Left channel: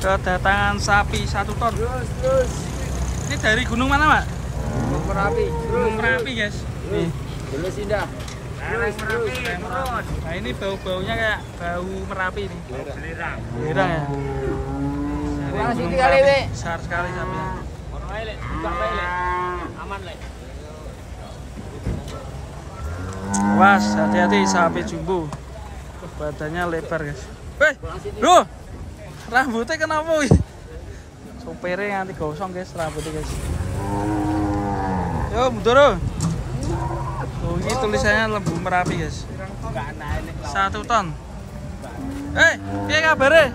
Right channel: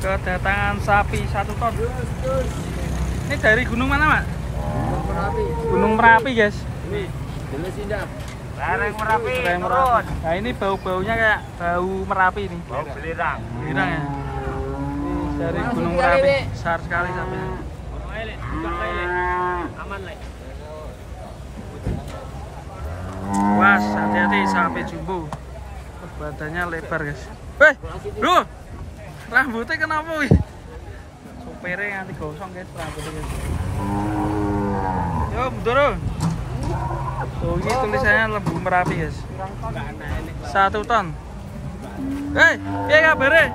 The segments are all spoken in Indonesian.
Kedatangan sapi 1 ton. Ini dari gunung mana, Mak? Gunung Merapi. Gunung Merapi, guys. Nih. Jelas indah. Merapi. Nah, ini bau-baunya kayak bau Merapi nih. Bau belirang. Belirang ya. Ini dari Gunung Merapi. Besar sekali sapinya. Aman, Le. Awas, hati-hati sapi jumbo. Wah, badannya lebar, guys. Weh, bro. Rambutnya kenapa wih? Sopirnya nanti gosong, guys, rambutnya, guys. Yo, mundur. Oh, ini tulisannya Lembu Merapi, guys. 1 ton. Iya kabarnya?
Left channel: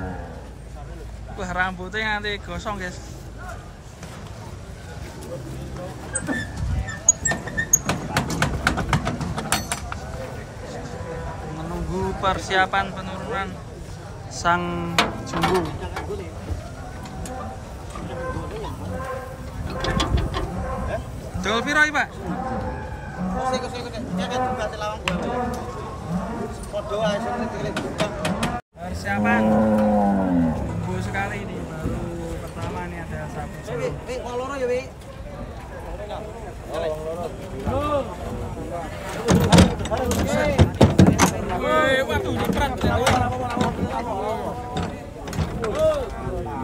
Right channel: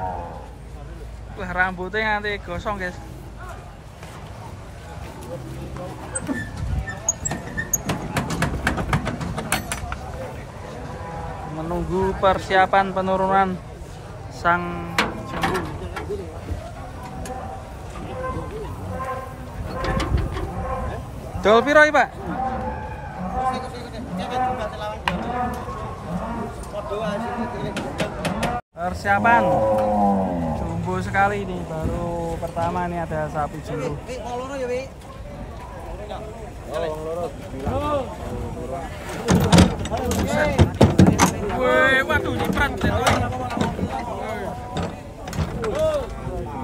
Wah, rambutnya nanti gosong, guys. Menunggu persiapan penurunan sang jumbo. Dol piro iki, Pak? Persiapan jumbo sekali ini, baru pertama nih ada sapi jumbo. Woi, waduh, ini berat.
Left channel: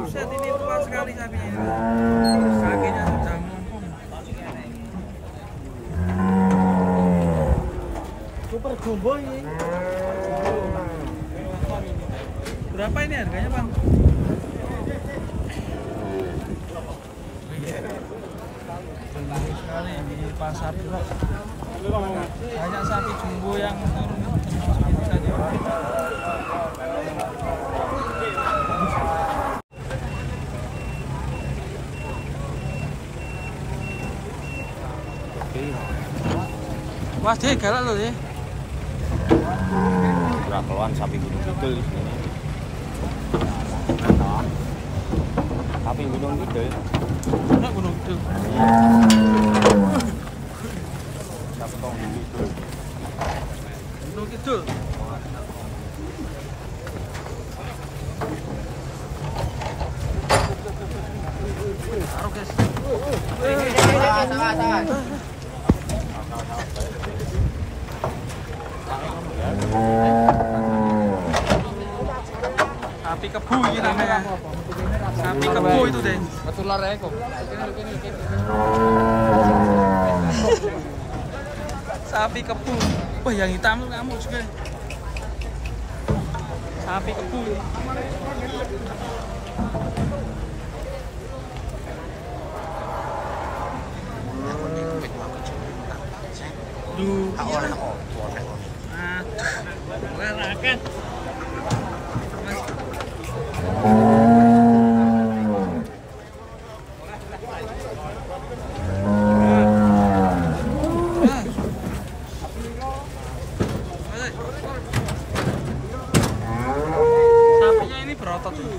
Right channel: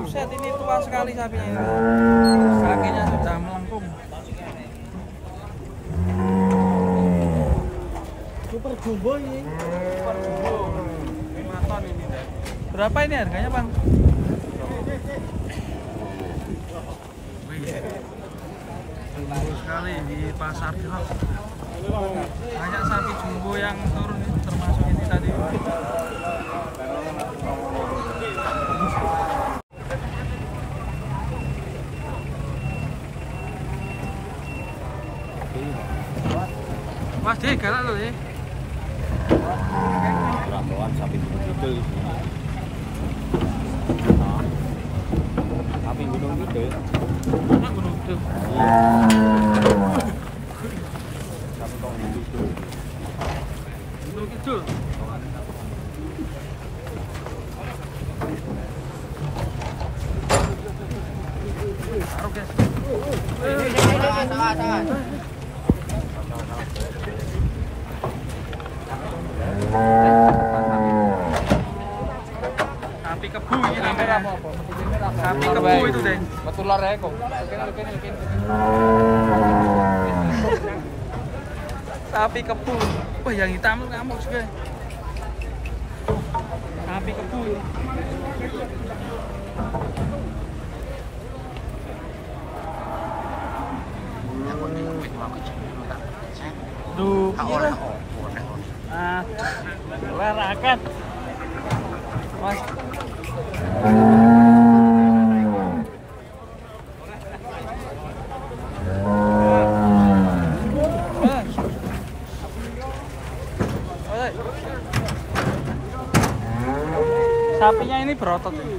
Buset, ini kuat sekali sapinya. Kakinya sudah melengkung. Super jumbo ini. Berapa ini harganya, Bang? Banyak sekali di pasar Cilok. Banyak sapi jumbo yang turun, termasuk ini tadi. Wah, dia galak loh ya. Ratusan sapi gunung kidul di sini. Sapi gunung kidul. Enak gunung kidul. Gunung kidul. Taruh, guys. Sapi kebu ini namanya. Sapi kebu itu deh. Sapi kebu. Wah, yang hitam ngamuk juga. Sapi kebu ini. Duh, oleh aduh, larakan. Mas. Sapinya ini berotot ini.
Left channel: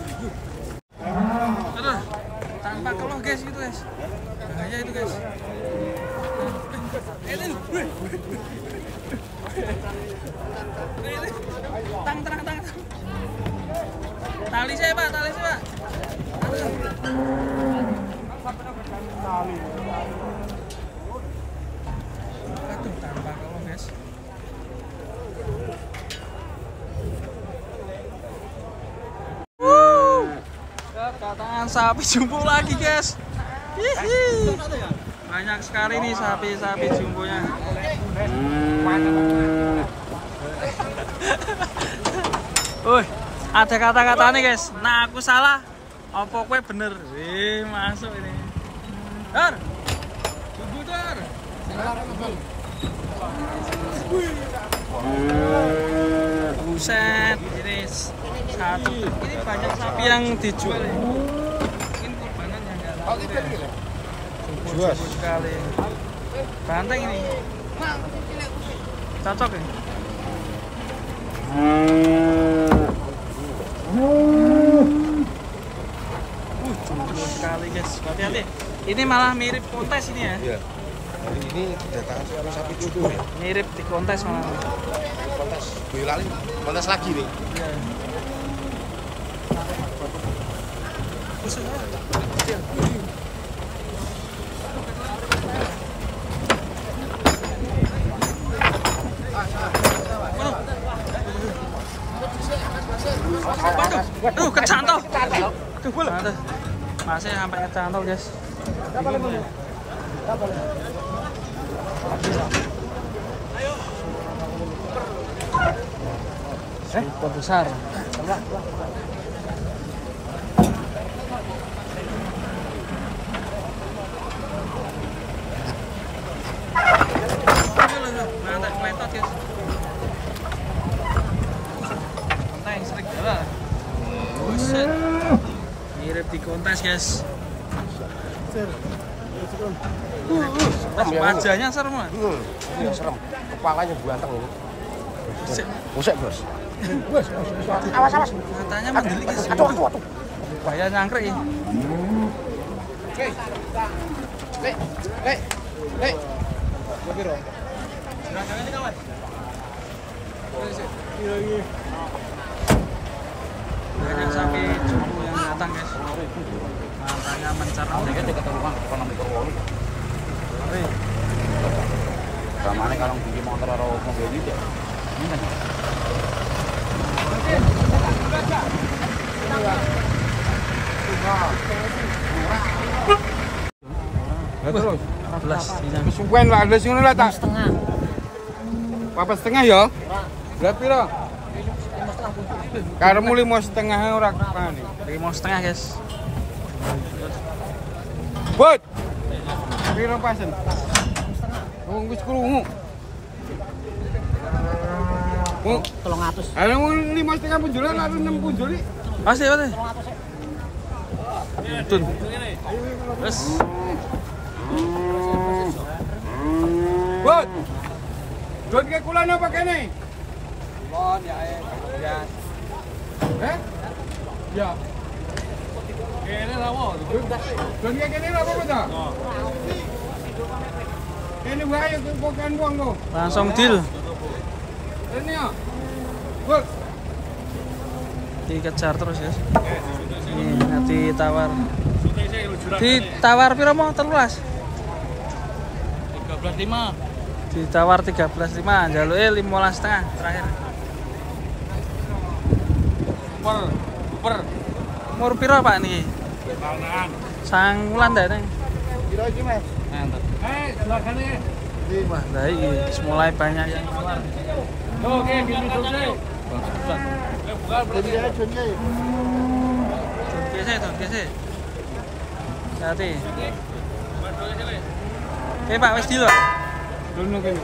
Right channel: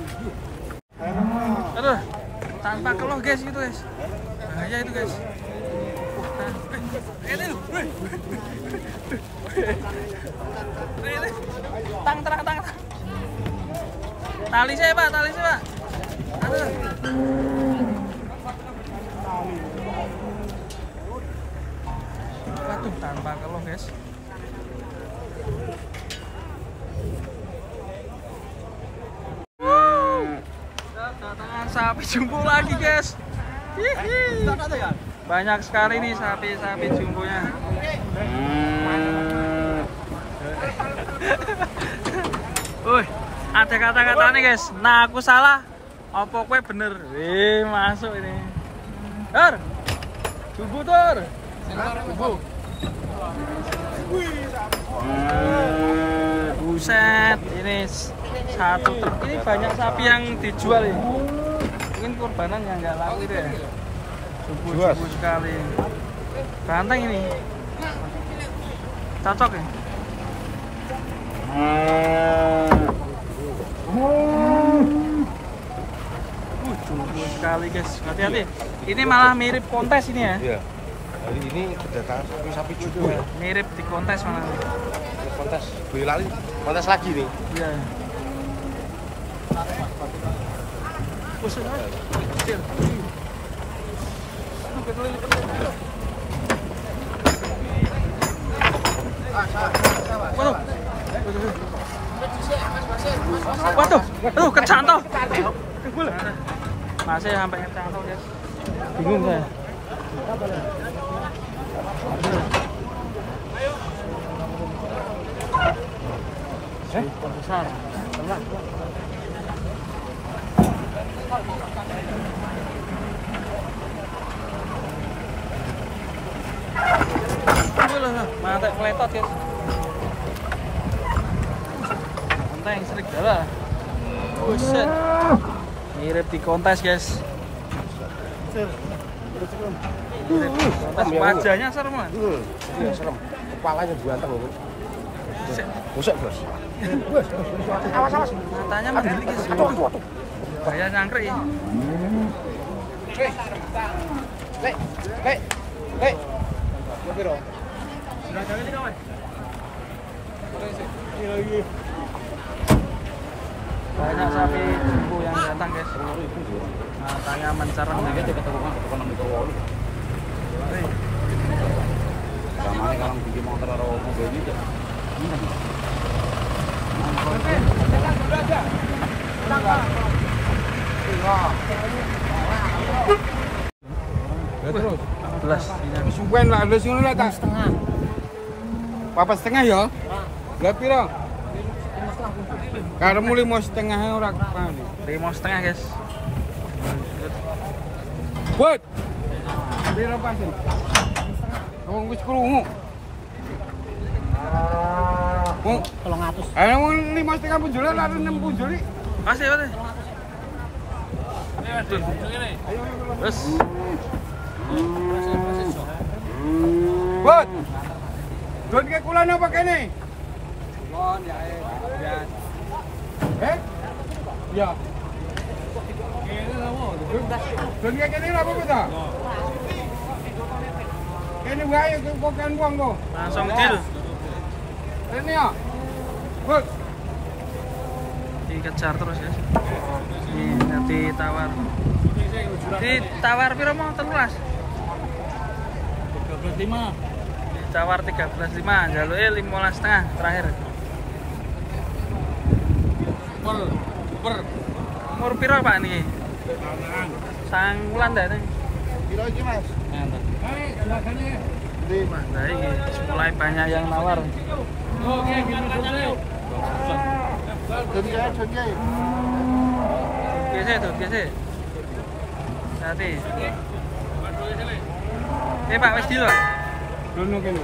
Aduh, tanpa keluh, guys, gitu, guys. Bahaya itu, guys. Tang. Tali saya, Pak. Aduh. Aduh, tanpa keluh, guys. Kedatangan sapi jumbo lagi, guys. Hihi. Banyak sekali nih sapi jumbonya. Wih, ada kata-kata nih, guys. Nah, aku salah, opo kue bener. Masuk ini. Tor, jumbo, Tor. Buset, ini 1 truk. Ini banyak sapi yang dijual ini. Mungkin kurbanan yang nggak laku deh. Jumbo sekali. Banteng ini. Cocok ya? Jumbo sekali, guys. Hati-hati. Ini malah mirip kontes ini ya. Iya. Ini sapi jumbo. Mirip di kontes malah. Kontes belain kontes lagi nih. Iya. Pusing aja. Kecil. Waduh, aduh kecantol. Masih sampai kecantol, guys. Bingung gue. Super besar. Mantap meletot, guys. Konteng serigala. Buset. Mirip di kontes, guys. Mirip di kontes. Wajahnya serem, Mas. Kepalanya berantem. Buset, Bos. Matanya mendelik, guys. Aduh. Gaya nyangkrik ya. Banyak sapi jumbo yang datang, guys. Matanya mencereng. Gamane kalau bikin antara mobil ini ya. Terus. 14 dinyang. Suwen lah ada sing lah tak. Setengah. Papa setengah ya? Lah piro? Karemu 5,5 ora kali. 5,5, guys. Bud. Piro pasen? Wong wis krungu. Wong 300. ana wong 5,5 punjul lah 6 punjul iki. Masih, Mas. Tun. Wes. Bud. Don ke kula napa kene? Eh? Ya. Kene lawo. Don ke kene apa ta? Kene wae kok kan wong kok. Langsung deal. Ini ya. Bud. Dikejar terus, guys. Nih, nanti tawar. Ditawar piro mau 13? 13,5. Ditawar 13,5, jaluke 15,5 terakhir. Per. Umur piro, Pak niki? Tangan. Sanggulan ta nih. Kira iki, Mas. Silahane. Wah, lah iki mulai banyak yang nawar. Oke, gitu. Biasa. Hati. Oke, Pak, wis dulu, Pak. Dono kene.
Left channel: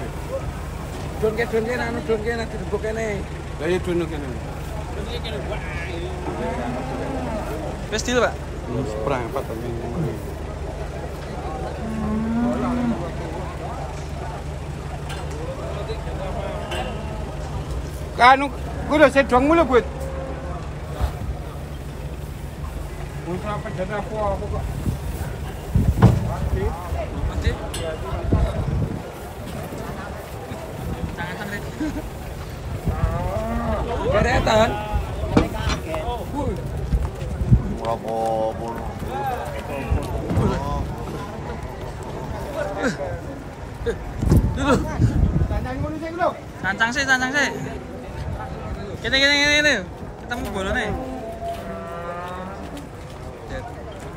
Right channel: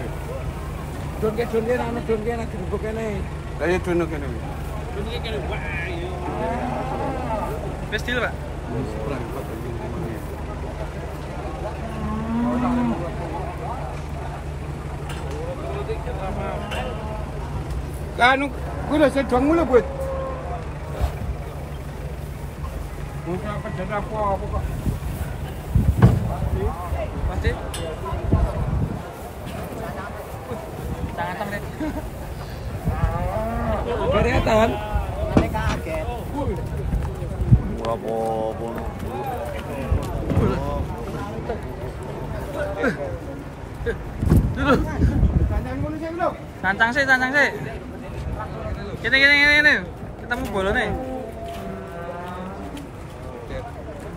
Don kene anu don kene dibuk kene. Lah ya dono kene. Don kene wae. Wis dulu, Pak. Seperempat ini namanya. Anu, gue udah sedang mulu, Bud. Mau apa dan apa kok? Pasti. Tangan deh. Keretan. Kaget. Cancang sih. Gini. Kita mau bola nih.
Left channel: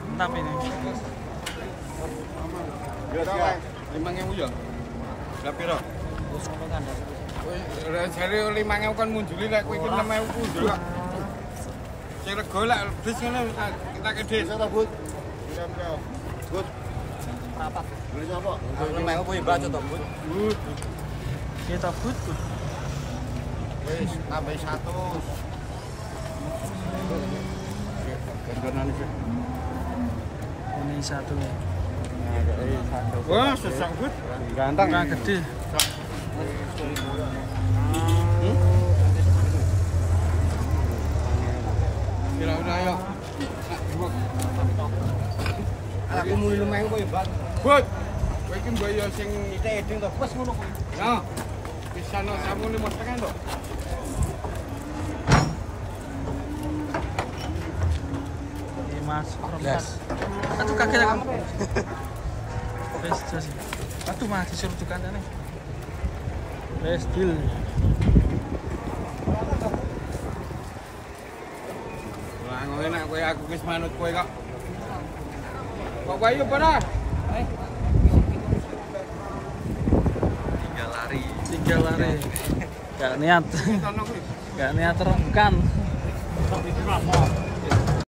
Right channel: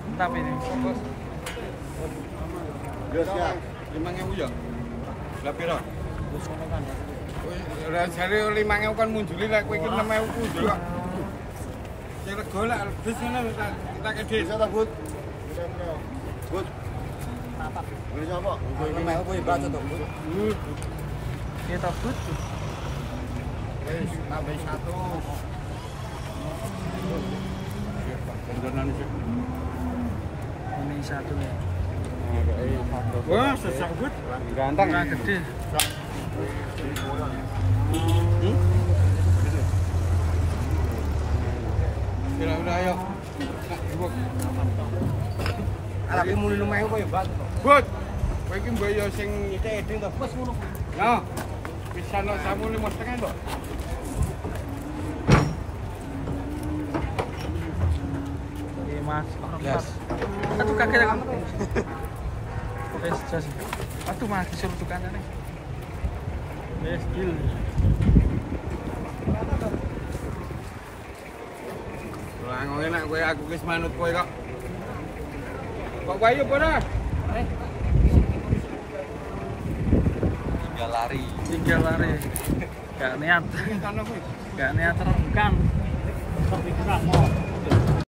Mantap ini. 5.000 ya? Lah piro? Lah jare 5.000 kan munjuli lek kowe iki 6.000 munjul kok. Sing rego lek bis ngene kita kedhe. Bisa ta, Bud? Bud. Rapat. Beli sapa? 5.000 kuwi baca to, Bud. Kita but. Wis tambah 100. Gandonan iki. Ini satu ya. Wah, sesak Bud. Ganteng Nah, gede. Kira-kira ayo. Aku muli 5.000 kuwi baca to. Bud. Kowe iki mbok yo sing Eding to. Wis ngono. ya. Bisa no samu 5,5 to. Mas, Yes. aduh kaget aku. Wes jas. Aduh mah disuruh tukang nih. Wes deal. Lah ngono enak kowe aku wis manut kowe kok. Kok wae apa dah? Tinggal lari. Gak niat. Tanok kuwi. Gak niat rembukan.